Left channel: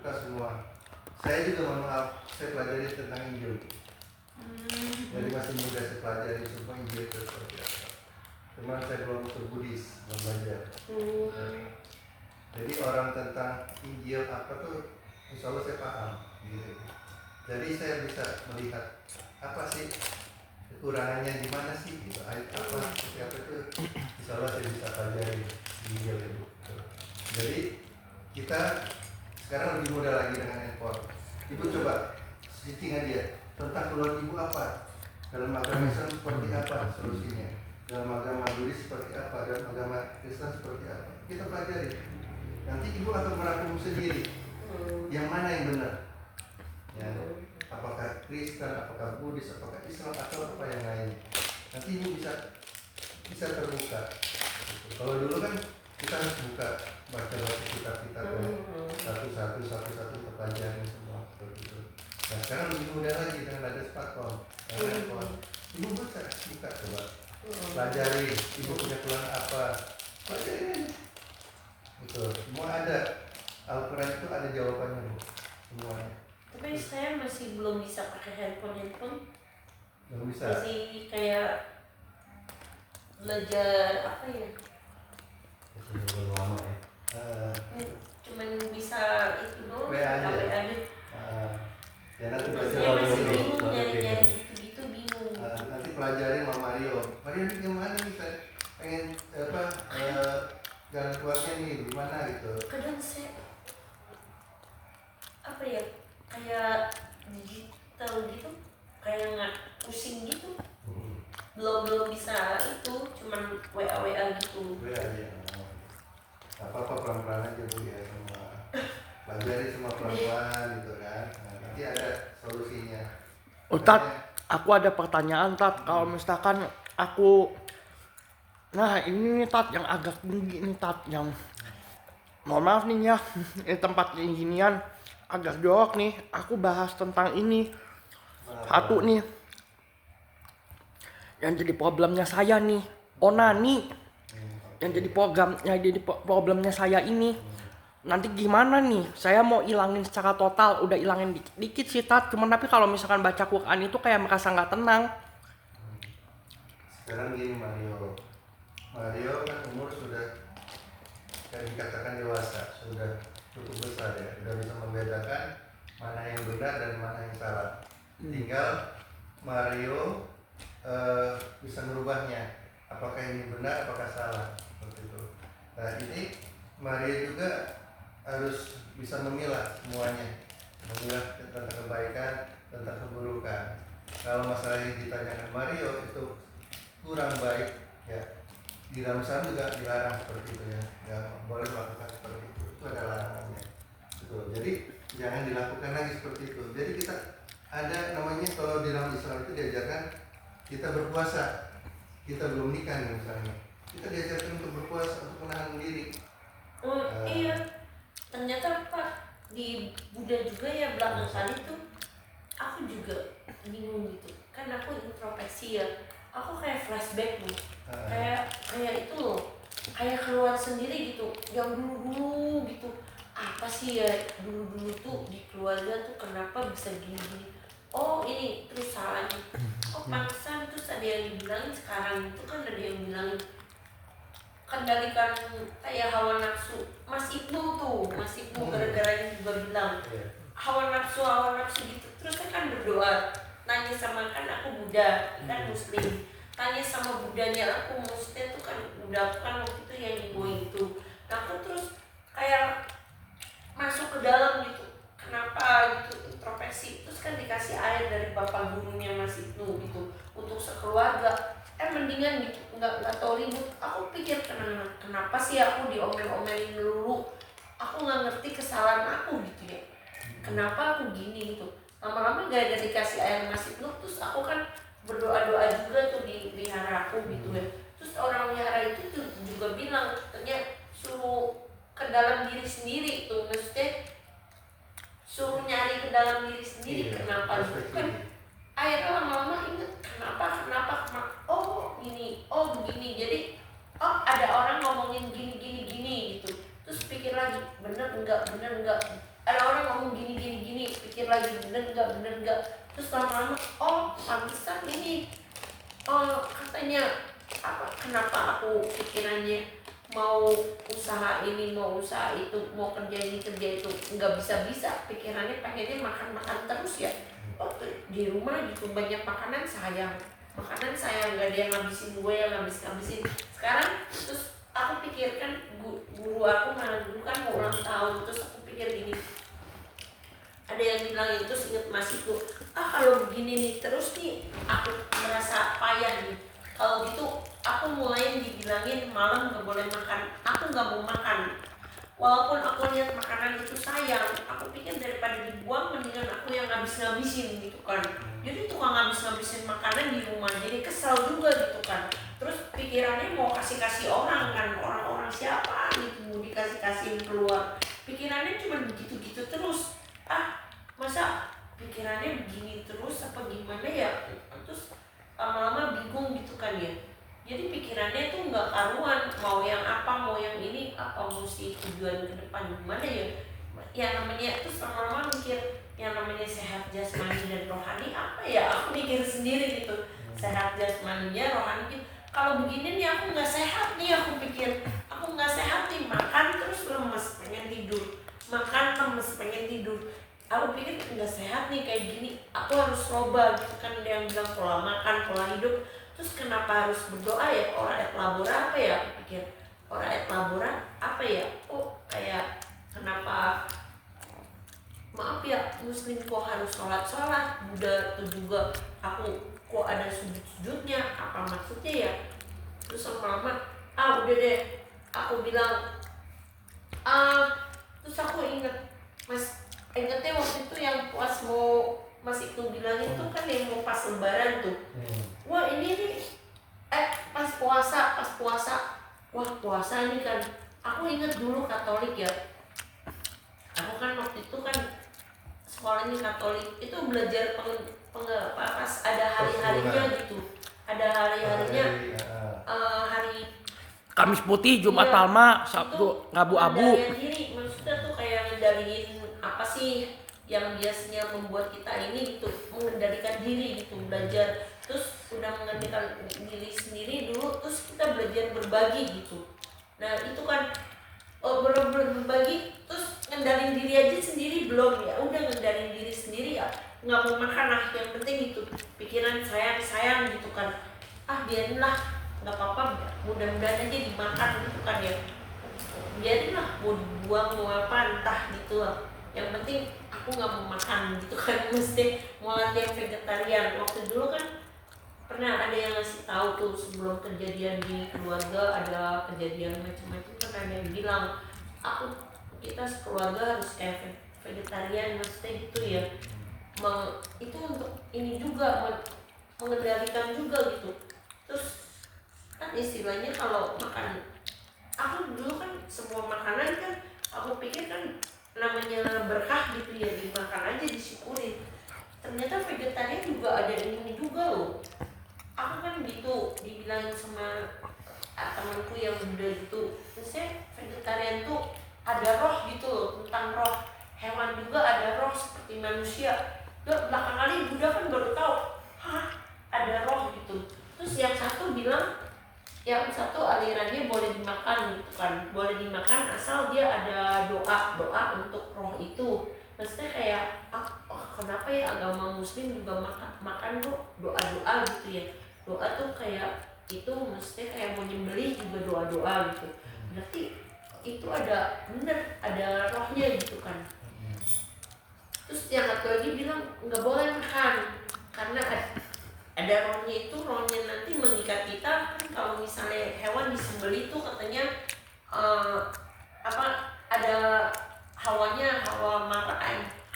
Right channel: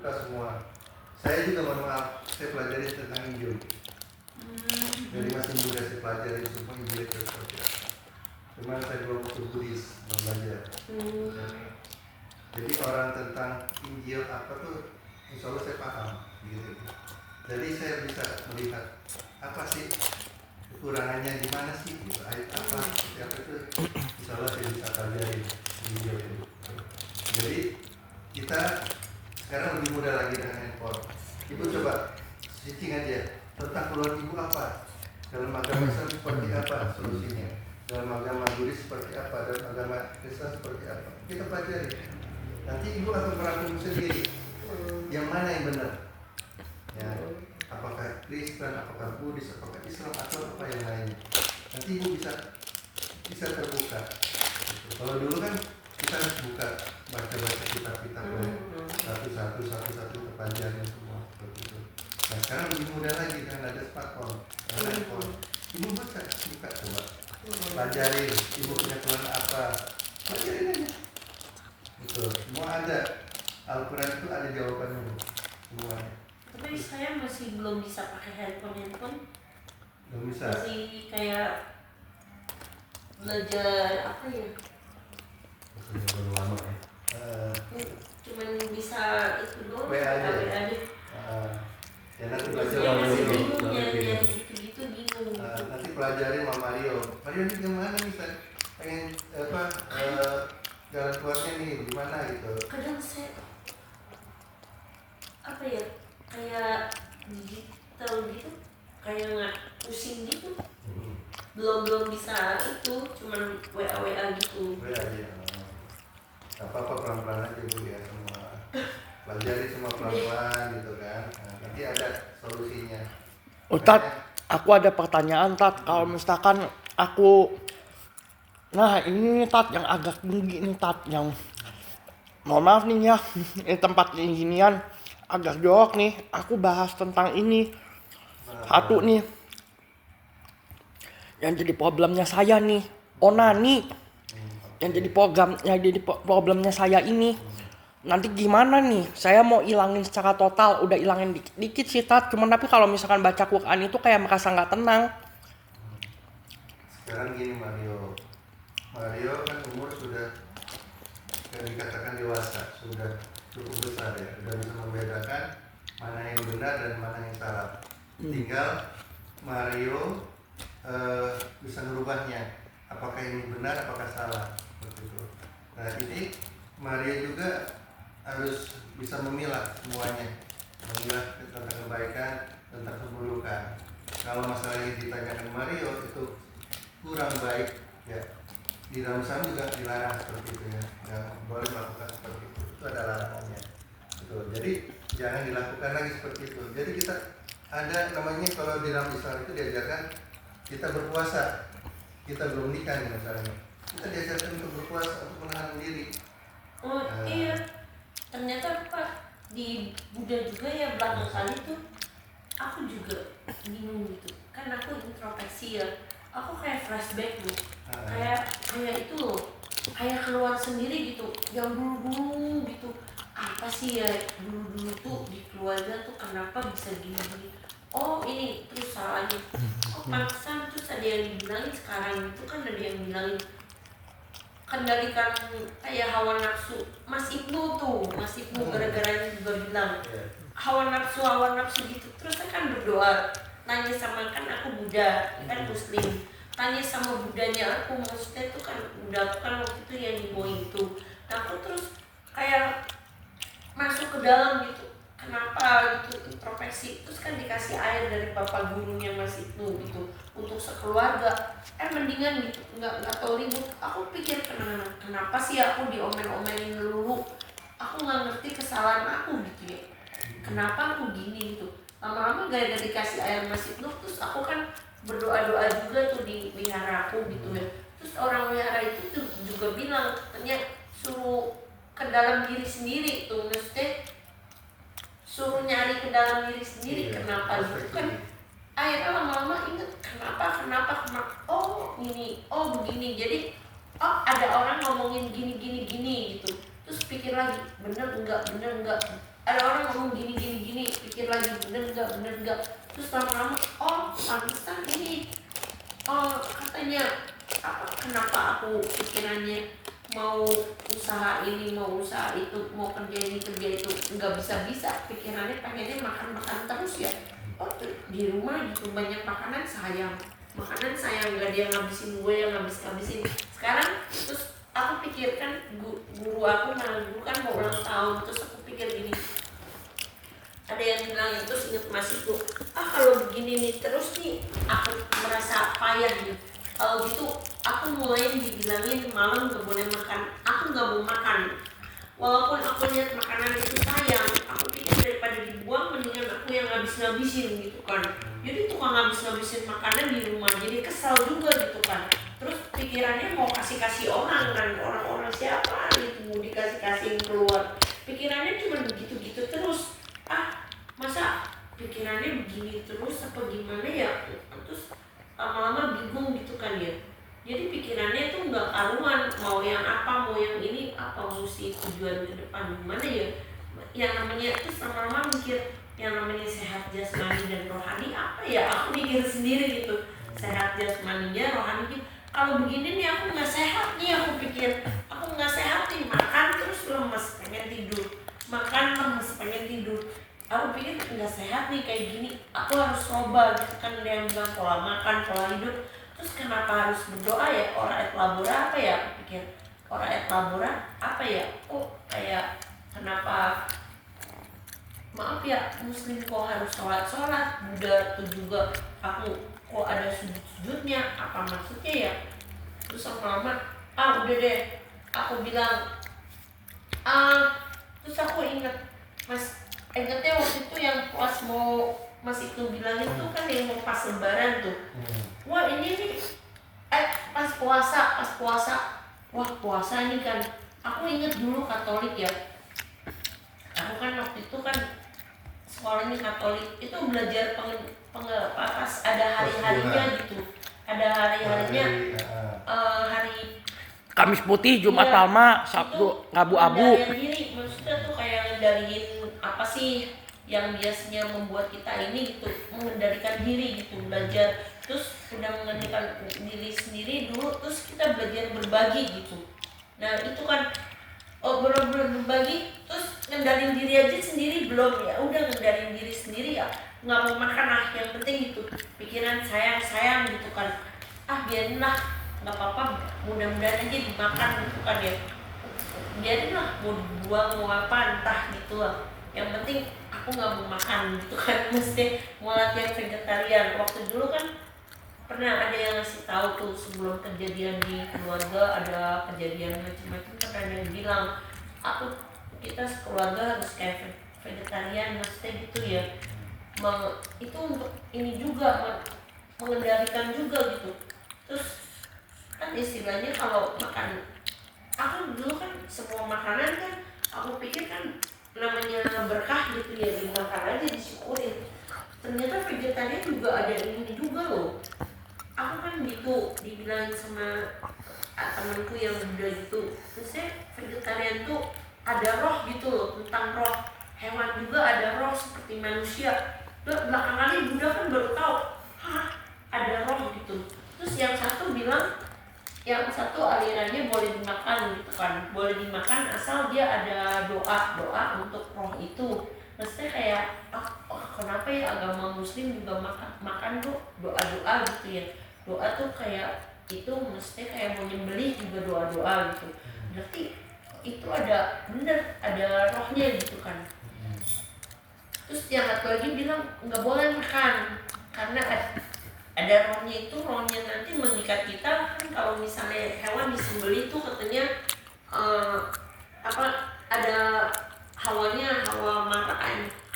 Kita semua. Saya juga mohon maaf, saya pelajari tentang Injil. Jadi masih muda saya pelajari semua Injil itu seperti apa. Cuman saya belum ke Buddhis, belum belajar. Jadi orang tentang Injil apa tuh, insya Allah saya paham. Gitu. Jadi saya bisa melihat apa sih kekurangannya, di mana sih, gitu. Ayat apa, seperti apa itu, insya Allah saya bisa pelajari Injil itu. Jadi kita sekarang lebih mudah lagi dengan handphone. Ibu coba searching aja tentang keluarga ibu apa, dalam agama Islam seperti apa solusinya, dalam agama Buddhis seperti apa, dalam agama Kristen seperti apa. Kita pelajari. Nanti ibu akan merangkum sendiri yang mana yang benar. Ya, apakah Kristen, apakah Buddhis, apakah Islam, atau apa yang lain. Nanti ibu bisa terbuka. Kalau dulu kan kita harus buka, baca kitab-kitab satu-satu terpelajarin semua seperti itu. Nah sekarang lebih mudah lagi kan ada smartphone, ada iPhone. Ibu buka coba, pelajari. Ibu punya keluhan apa, pelajarin aja. Itu semua ada. Al-Quran itu ada jawabannya bu, semuanya. Tapi saya masih belum bisa pakai handphone. Belum bisa. Masih kayak belajar apa ya? Belum lama ya. Cuman bisa itu doang. WA aja. Ya nanti belajar sama masih Mario. bingung nyari gitu bingung. Nanti pelajari sama Mario. Mario ini gimana nih, saya pengen jalan keluarnya nih gimana gitu. Kadang saya apa ya, kayak digital gitu, kayak nggak pusing gitu. Belum bisa itu, cuman WA gitu. WA aja. Apa-apa pelan-pelan aja bu ya, semua pelajari semua pelan-pelan gitu kan. Nah, nanti ada solusinya. Tat, aku ada pertanyaan Tat. Kalau misalkan aku, nah ini nih Tat yang agak tinggi nih Tat, yang mohon maaf nih ya, ini tempat ginian agak jorok nih. Aku bahas tentang ini satu nih, yang jadi problemnya saya nih, onani. Yang jadi problemnya saya ini. Nanti gimana nih? Saya mau ilangin secara total, udah ilangin dikit sih Tat. Cuman tapi kalau misalkan baca Quran itu kayak merasa nggak tenang. Sekarang gini Mario kan umur sudah yang dikatakan dewasa, sudah cukup besar ya, sudah bisa membedakan mana yang benar dan mana yang salah. Tinggal Mario bisa merubahnya, apakah ini benar, apakah salah, seperti itu. Nah ini Mario juga harus bisa memilah semuanya, memilah tentang kebaikan, tentang keburukan. Kalau masalah yang ditanyakan Mario itu kurang baik, ya di dalam Islam juga dilarang seperti itu ya, nggak boleh melakukan seperti itu ada larangannya. Betul. Jadi jangan dilakukan lagi seperti itu. Jadi kita ada namanya, kalau di dalam Islam itu diajarkan kita berpuasa, kita belum nikah nih misalnya, kita diajarkan untuk berpuasa, untuk menahan diri. Iya, ternyata Pak di Buddha juga ya belakangan itu aku juga bingung gitu. Kan aku introspeksi ya, aku kayak flashback nih, kayak itu loh, kayak keluar sendiri gitu, yang dulu gitu. Apa sih ya dulu tuh di keluarga tuh kenapa bisa gini? Oh ini terus salahnya. Oh pantesan, terus ada yang dibilangin sekarang itu kan ada yang bilangin kendalikan kayak hawa nafsu. Mas Ibnu gara-garanya juga bilang hawa nafsu gitu. Terus saya kan berdoa, tanya sama, kan aku Buddha, kan Muslim, tanya sama Budanya aku, maksudnya tuh kan Buddha kan waktu itu yang ibu itu. Nah aku terus kayak masuk ke dalam gitu, kenapa gitu, introspeksi. Terus kan dikasih air dari bapak gurunya Mas Ibnu gitu untuk sekeluarga. Mendingan gitu, nggak tahu ribut. Aku pikir kenapa sih aku diomel-omelin dulu, aku nggak ngerti kesalahan aku gitu ya, kenapa aku gini gitu. Lama-lama gara-gara dikasih air Mas Ibnu, terus aku kan berdoa-doa juga tuh di wihara aku gitu ya. Terus orang wihara itu tuh juga bilang katanya suruh ke dalam diri sendiri tuh, maksudnya suruh nyari ke dalam diri sendiri. Kenapa gitu kan. Akhirnya lama-lama inget kenapa, oh ini, oh begini. Jadi oh ada orang ngomongin gini gitu. Terus pikir lagi, bener enggak, ada orang ngomong lagi bener nggak, terus lama-lama oh pantesan ini katanya apa, kenapa aku pikirannya mau usaha ini mau usaha itu mau kerja ini kerja itu nggak bisa pikirannya pengennya makan terus ya. Oh di rumah gitu banyak makanan sayang nggak ada yang ngabisin, gue yang ngabisin. Sekarang terus aku pikirkan guru aku dulu kan mau ulang tahun, terus aku pikir gini, ada yang bilang itu inget masih tuh, kalau begini nih terus nih aku merasa payah nih. Kalau gitu aku mulai dibilangin malam nggak boleh makan, aku nggak mau makan. Walaupun aku lihat makanan itu sayang, aku pikir daripada dibuang mendingan aku yang ngabisin gitu kan. Jadi tukang ngabisin makanan di rumah, jadi kesal juga gitu kan. Terus pikirannya mau kasih orang kan, orang siapa gitu mau dikasih keluar. Pikirannya cuma begitu terus. Masa pikirannya begini terus apa gimana ya? Terus lama-lama bingung gitu kan ya. Jadi pikirannya tuh nggak karuan, mau yang apa, mau yang ini, apa mesti tujuan ke depan gimana ya. Yang namanya terus lama-lama mikir yang namanya sehat jasmani dan rohani apa ya, aku mikir sendiri gitu. Sehat jasmaninya, rohaninya. Kalau begini nih aku nggak sehat nih, aku pikir aku nggak sehat nih, makan terus lemes pengen tidur, makan lemes pengen tidur. Aku pikir nggak sehat nih kayak gini, aku harus coba gitu kan. Ada yang bilang pola makan, pola hidup. Terus kenapa harus berdoa ya? Ora et labora apa ya? Aku pikir ora et labora apa ya? Oh kayak kenapa, maaf ya, muslim kok harus sholat, Buddha tuh juga aku kok ada sujud-sujudnya, apa maksudnya ya? Terus lama-lama udah deh, aku bilang terus aku ingetnya waktu itu yang pas mau Mas itu bilangin tuh kan yang mau pas lebaran tuh. Wah ini nih pas puasa wah puasa nih kan. Aku inget dulu Katolik ya, aku kan waktu itu kan sekolahnya Katolik, itu belajar pas ada hari-harinya gitu, ada hari-harinya hari Kamis Putih, Jumat iya, Palma, Sabtu abu-abu. Ngendaliin diri, maksudnya tuh kayak ngendaliin apa sih yang biasanya membuat kita ini gitu, mengendalikan diri gitu, belajar. Terus udah mengendalikan diri sendiri dulu, terus kita belajar berbagi gitu. Nah itu kan bener-bener berbagi, terus ngendalin diri aja sendiri belum ya, udah ngendalin diri sendiri ya, nggak mau makan lah, yang penting gitu, pikiran sayang gitu kan. Biarin lah, nggak apa-apa, mudah-mudahan aja dimakan gitu kan ya, biarin lah mau dibuang mau apa entah gitu lah, yang penting aku nggak mau makan gitu kan. Mesti mau latihan vegetarian. Waktu dulu kan pernah ada yang ngasih tahu tuh sebelum kejadian di keluarga, ada kejadian macam-macam kan, ada yang bilang kita sekeluarga harus kayak vegetarian, maksudnya gitu ya. Itu untuk ini juga mengendalikan juga gitu. Terus kan istilahnya kalau makan, aku dulu kan semua makanan kan aku pikir kan namanya berkah gitu ya, dimakan aja disyukurin. Ternyata vegetarian juga ada ini juga loh. Aku kan gitu dibilangin sama temanku yang Buddha gitu, terusnya vegetarian tuh ada roh gitu loh, tentang roh hewan juga ada roh seperti manusia. Belakang kali Buddha kan baru tahu ada roh gitu. Terus yang satu bilang, yang satu alirannya boleh dimakan gitu kan, boleh dimakan asal dia ada doa untuk roh itu. Maksudnya kayak kenapa ya agama muslim juga makan tuh doa gitu ya. Doa tuh kayak itu mesti kayak mau nyembelih juga doa gitu. Berarti itu ada bener, ada rohnya gitu kan. Terus yang satu lagi bilang nggak boleh makan karena ada rohnya, itu rohnya nanti mengikat kita kan. Kalau misalnya hewan disembelih itu katanya ada hawanya, hawa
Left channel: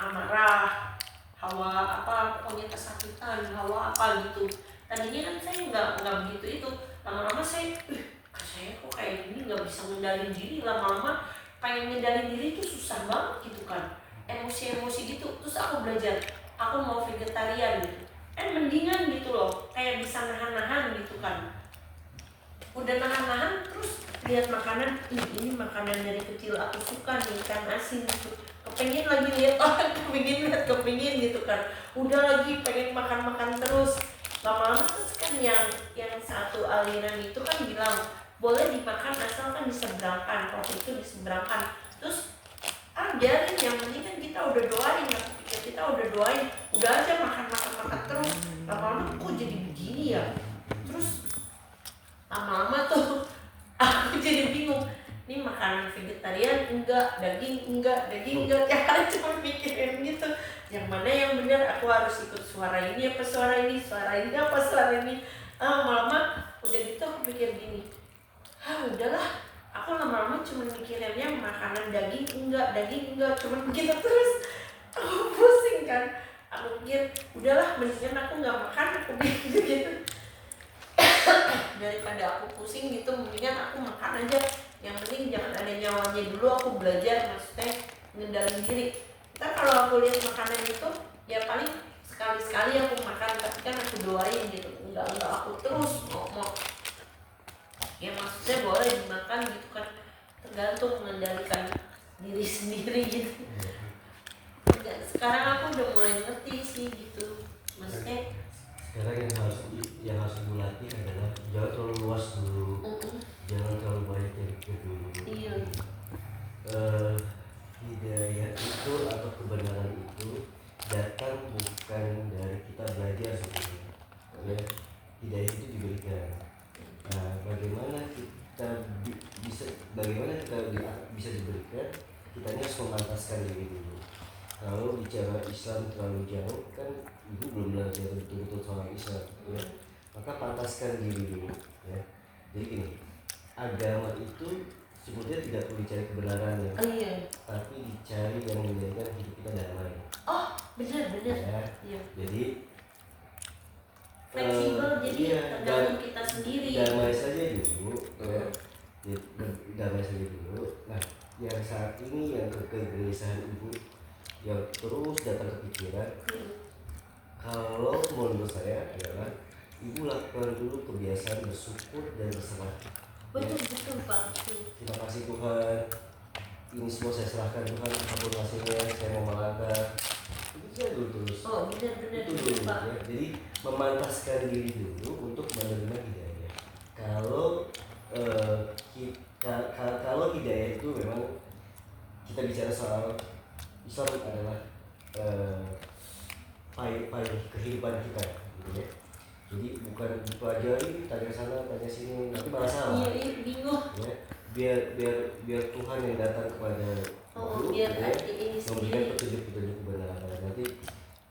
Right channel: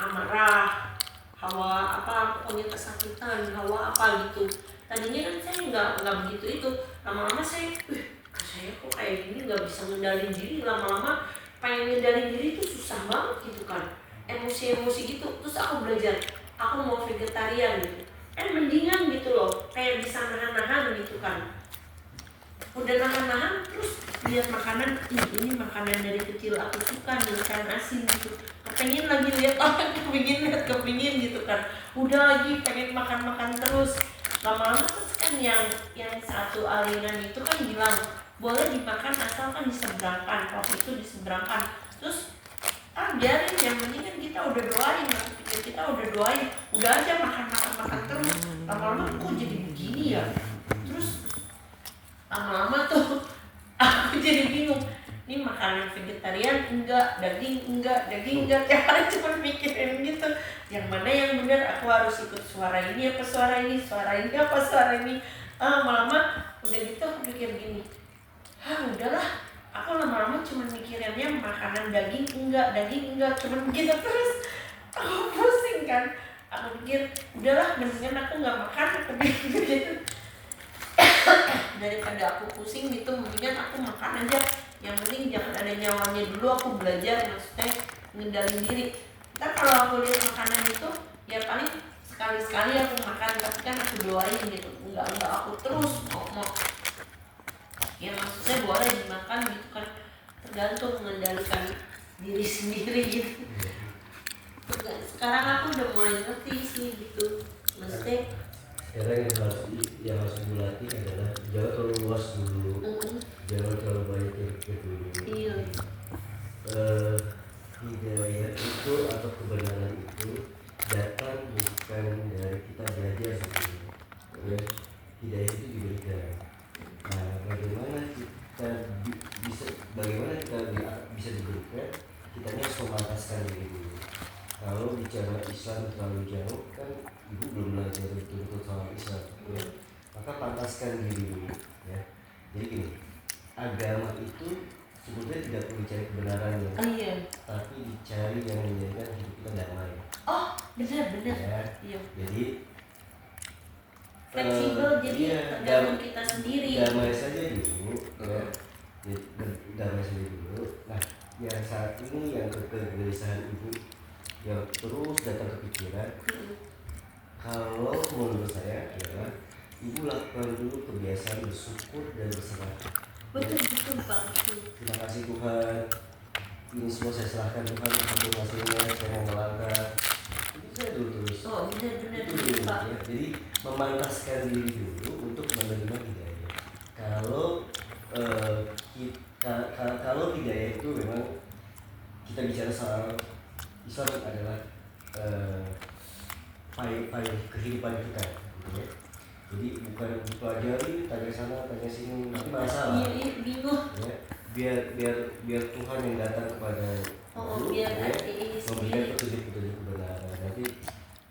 amarah, hawa pokoknya kesakitan, hawa apa gitu. Tadinya kan saya nggak begitu itu, lama-lama saya kok kayak gini nggak bisa ngendalin diri, lama-lama pengen ngendalin diri itu susah banget gitu kan, emosi gitu. Terus aku belajar, aku mau vegetarian gitu, mendingan gitu loh, kayak bisa nahan gitu kan. Udah nahan terus lihat makanan, ini makanan dari kecil aku suka nih, ikan asin gitu, kepengin lagi lihat orang, kepengin gitu kan, udah lagi pengen makan terus. Lama-lama terus kan yang satu aliran itu kan bilang boleh dimakan asalkan diseberangkan, roh itu diseberangkan. Terus biarin, yang penting kan kita udah doain, kita udah doain, udah aja makan terus. Lama-lama kok jadi begini ya. Terus lama-lama tuh aku jadi bingung, ini makanan vegetarian enggak, daging enggak, tiap hari cuma mikirin gitu, yang mana yang benar, aku harus ikut suara ini apa suara ini apa suara ini. Lama-lama udah gitu aku pikir gini, udahlah, aku lama-lama cuma mikirinnya makanan daging enggak, cuma begitu terus. Aku pusing kan, aku pikir udahlah, mendingan aku nggak makan, aku pikir begitu. Daripada aku pusing gitu, mendingan aku makan aja, yang penting jangan ada nyawanya dulu. Aku belajar, maksudnya ngendalin diri. Ntar kalau aku lihat makanan itu ya paling sekali-sekali aku makan, tapi kan aku doain gitu, enggak aku terus mau ya, maksudnya boleh dimakan gitu kan, tergantung mengendalikan diri sendiri gitu. Dan sekarang aku udah mulai ngerti sih gitu, maksudnya sekarang yang harus ibu latih adalah jangan terlalu luas dulu, jangan terlalu banyak yang dulu. iya. Hidayah itu atau kebenaran itu datang bukan dari kita belajar sebenarnya, ya. Hidayah itu diberikan. Nah, bagaimana kita bisa diberikan? Kita harus memantaskan diri dulu. Kalau bicara Islam terlalu jauh kan ibu belum belajar betul-betul soal Islam, ya. Maka pantaskan diri dulu, ya. Jadi gini, agama itu sebetulnya tidak perlu dicari kebenarannya, Iya. tapi dicari yang menjadikan hidup kita damai. Oh, benar. Ya. Iya. Jadi Fleksibel, jadi iya, tergantung kita sendiri. damai saja dulu, ya. Damai saja dulu. Nah, yang saat ini yang kegelisahan ibu yang terus datang ke pikiran, kalau menurut saya adalah ibu lakukan dulu kebiasaan bersyukur dan berserah. Betul Pak. Terima kasih Tuhan, ini semua saya serahkan Tuhan, apapun hasilnya saya mau melangkah. Itu saya dulu terus. Oh, benar Itu dulu, Pak. ya. Jadi memantaskan diri dulu untuk menerima hidayah. Kalau hidayah itu memang kita bicara soal Islam adalah payung kehidupan kita, gitu ya. Jadi bukan dipelajari tanya sana tanya sini nanti malah salah. Iya, bingung. Ya, biar Tuhan yang datang kepada ibu, Biar ya, ini memberikan sendiri. petunjuk-petunjuk kebenaran. Nanti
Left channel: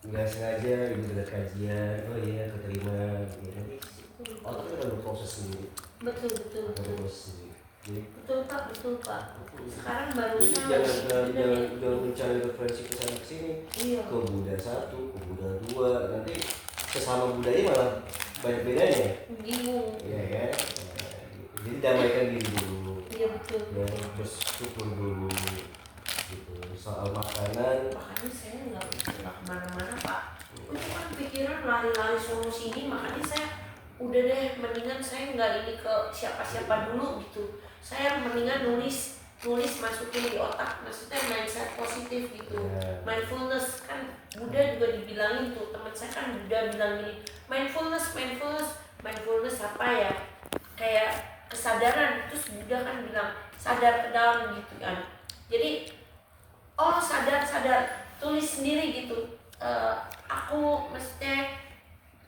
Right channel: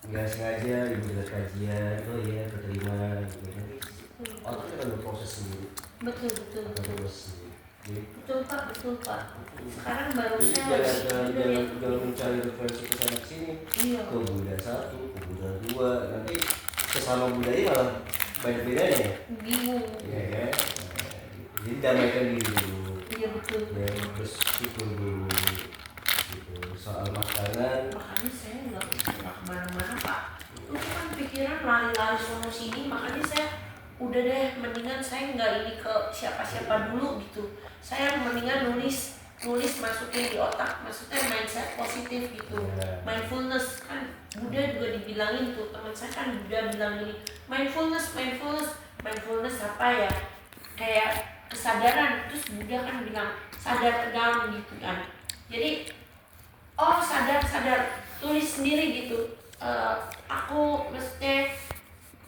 nggak sengaja ibu dengar kajian, oh iya keterima, gitu. Nanti otaknya akan berproses sendiri. Betul. Akan berproses sendiri. Jadi, Betul Pak. Sekarang baru jadi saya jangan mencari referensi ke sana sini. Iya. Ke Buddha 1, ke Buddha 2, nanti kesama budaya malah banyak bedanya. Bingung. Iya kan? Jadi damaikan diri dulu. Iya betul. Ya, terus syukur dulu. Gitu. Soal makanan, Makanya saya nggak kemana-mana Pak. Itu kan pikiran lari-lari sono sini, makanya saya udah deh, mendingan saya nggak ini ke siapa-siapa dulu gitu. Saya mendingan nulis masukin di otak, maksudnya mindset positif gitu. ya. Mindfulness kan Buddha juga dibilangin tuh, teman saya kan Buddha bilang ini mindfulness apa ya, kayak kesadaran. Terus Buddha kan bilang sadar ke dalam gitu kan. Jadi sadar tulis sendiri gitu. Aku maksudnya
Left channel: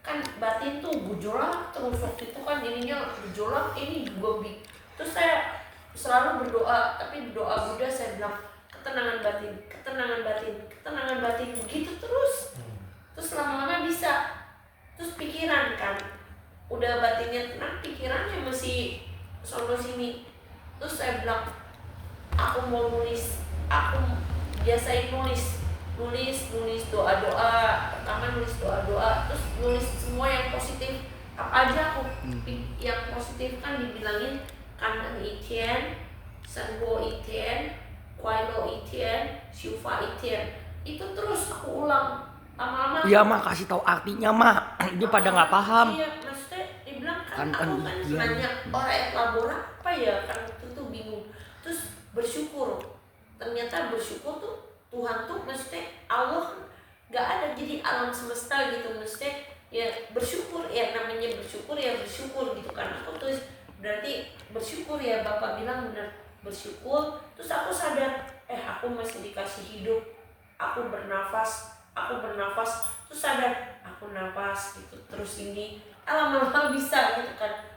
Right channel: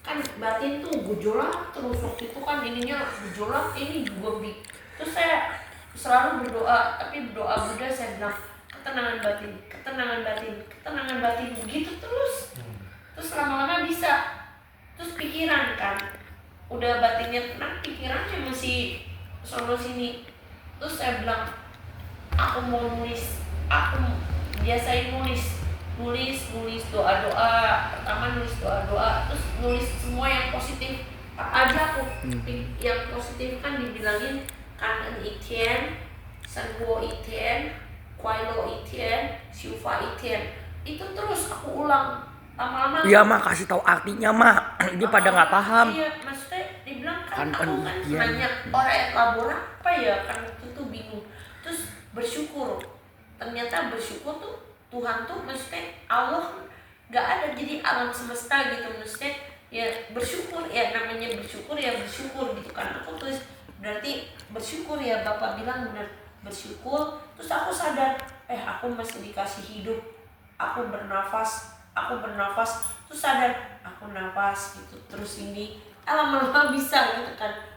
kan batin tuh gejolak terus, waktu itu kan ininya gejolak, ini juga terus saya selalu berdoa, tapi berdoa Buddha saya bilang ketenangan batin begitu terus lama-lama bisa. Terus pikiran kan udah batinnya tenang, pikirannya masih sono sini. Terus saya bilang aku mau nulis, aku biasain nulis doa-doa, pertama nulis doa-doa, terus nulis semua yang positif apa aja. Aku yang positif kan dibilangin kanan itien, sanguo itien, kuailo itien, syufa itien, itu terus aku ulang lama-lama. Iya mak, kasih tahu artinya mak. Ini pada nggak paham. Iya, maksudnya dibilang kan Kan aku kan iya. nanya orang labora apa ya, kan itu bingung. Terus bersyukur, ternyata bersyukur tuh Tuhan tuh maksudnya Allah nggak ada, jadi alam semesta gitu, maksudnya ya bersyukur, ya namanya bersyukur ya bersyukur gitu kan. Aku tuh berarti bersyukur ya, Bapak bilang benar, bersyukur. Terus aku sadar, aku masih dikasih hidup, aku bernafas, terus sadar aku nafas gitu, terus ini lama-lama bisa gitu kan.